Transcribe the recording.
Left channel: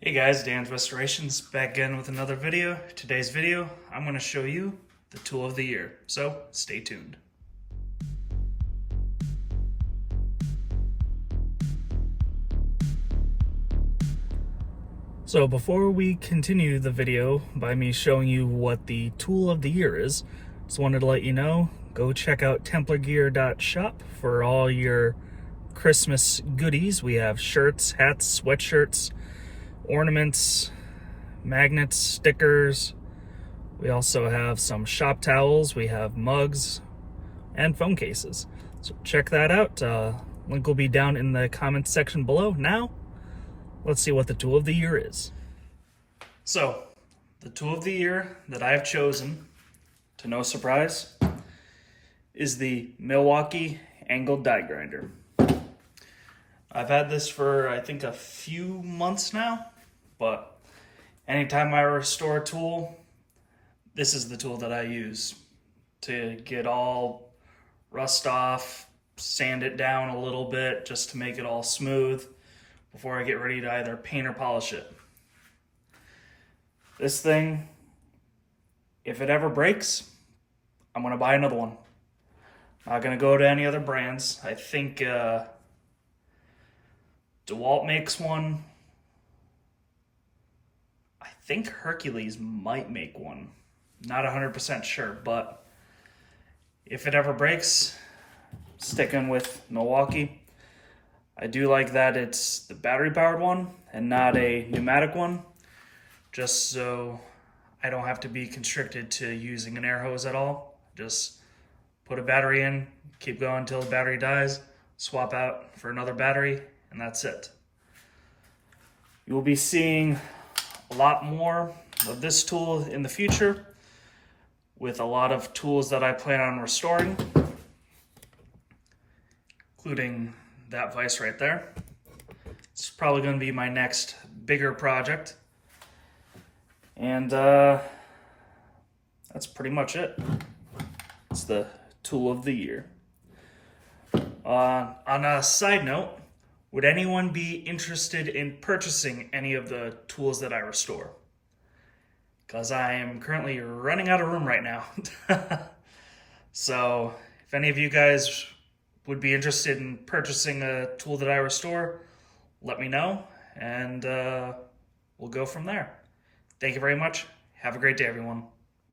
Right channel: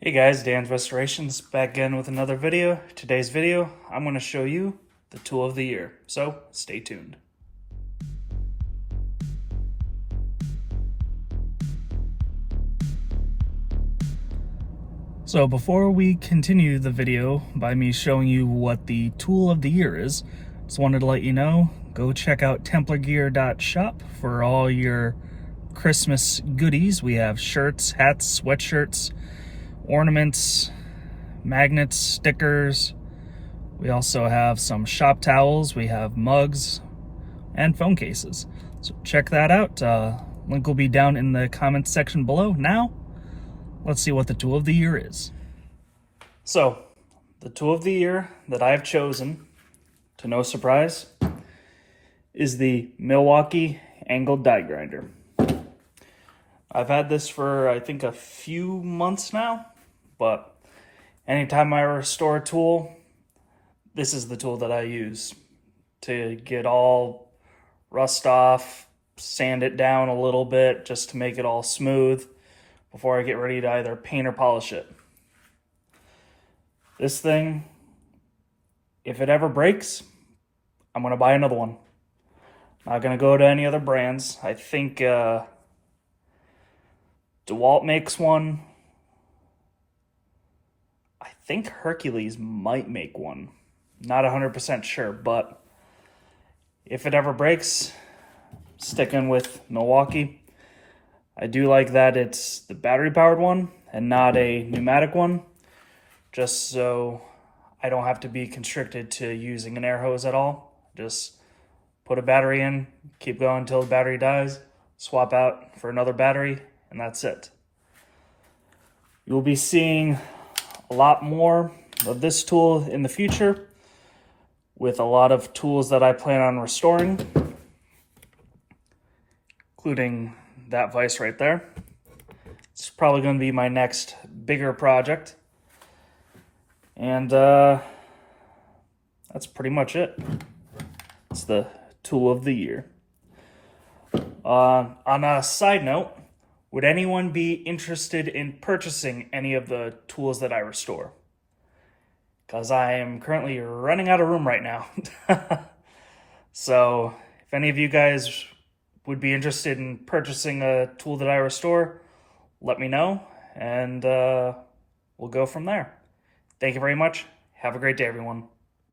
Hey guys, Dan's Restorations back again with another video. Today's video, I'm going to show you the tool of the year, so stay tuned. So before we continue the video by me showing you what the tool of the year is, just wanted to let you know, go check out TemplarGear.shop for all your Christmas goodies. We have shirts, hats, sweatshirts, ornaments, magnets, stickers. We also have some shop towels, we have mugs, and phone cases. So check that out. Link will be down in the comments section below. Now, let's see what the tool of the year is. So, the tool of the year that I have chosen, to no surprise, is the Milwaukee Angled Die Grinder. I've had this for, I think, a few months now, but anytime I restore a tool, this is the tool that I use to get all rust off, sand it down a little bit just to make it all smooth before I get ready to either paint or polish it. This thing, if it ever breaks, I'm going to buy another one. Not going to go to any other brands. I think DeWalt makes one. I think Hercules might make one. Not 100% sure, but if it ever breaks, sticking with Milwaukee. I do like that it's the battery powered one and not a pneumatic one, just so I don't have to be constricted to using an air hose at all. Just put a battery in, keep going until the battery dies, swap out for another battery, and that's it. You'll be seeing a lot more of this tool in the future with a lot of tools that I plan on restoring, including that vise right there. It's probably going to be my next bigger project. And that's pretty much it. It's the tool of the year. On a side note, would anyone be interested in purchasing any of the tools that I restore? Because I am currently running out of room right now. So if any of you guys would be interested in purchasing a tool that I restore, let me know, and we'll go from there. Thank you very much. Have a great day, everyone.